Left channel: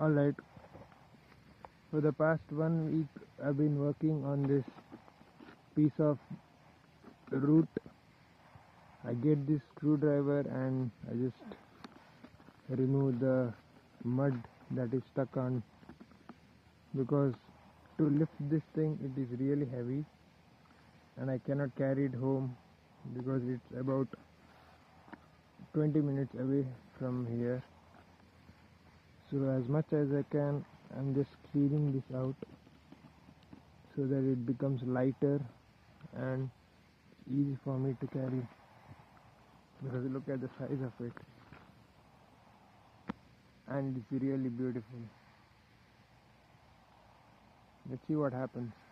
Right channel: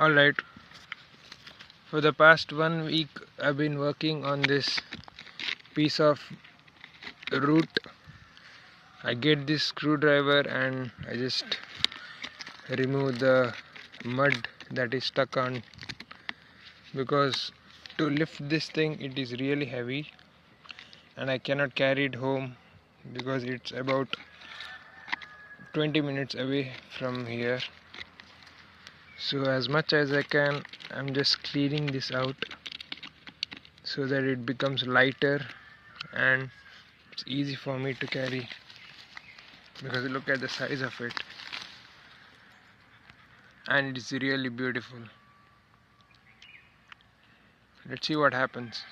Alright, for the past 1 week I've been working on this piece of root. I get this screwdriver and I just remove the mud that is stuck on, because to lift this thing it is really heavy and I cannot carry it home because it's about 20 minutes away from here. So as much as I can, I'm just cleaning this out so that it becomes lighter and it's easy for me to carry, because look at the size of it and it's really beautiful. Let's see what happens.